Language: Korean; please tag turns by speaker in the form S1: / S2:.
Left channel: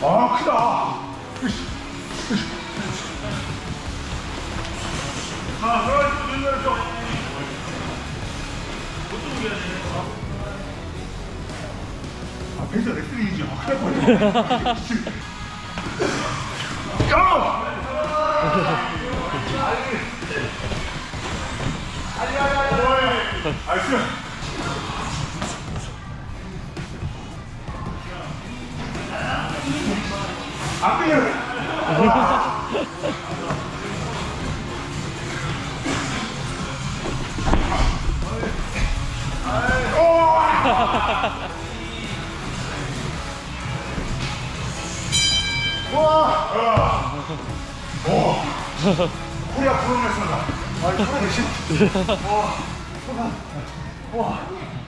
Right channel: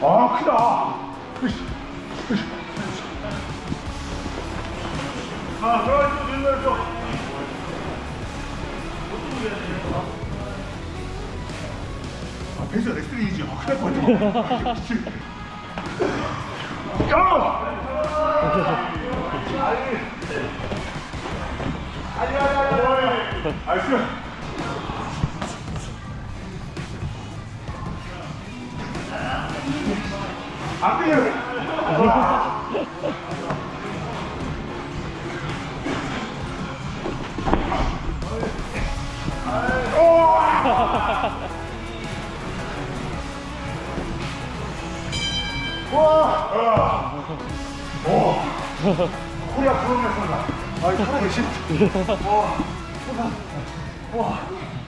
S1: 막히다. 으쌰, 으쌰. 아, 그래, 또 눈을 좀. 아, 배서 레슬링이지. 아, 큰일 날 뻔했네. 야! 나이스. 앞에 와! 오! 코리아 프로레슬러다. 아, 이거 하나 계신. 와, 와, 와.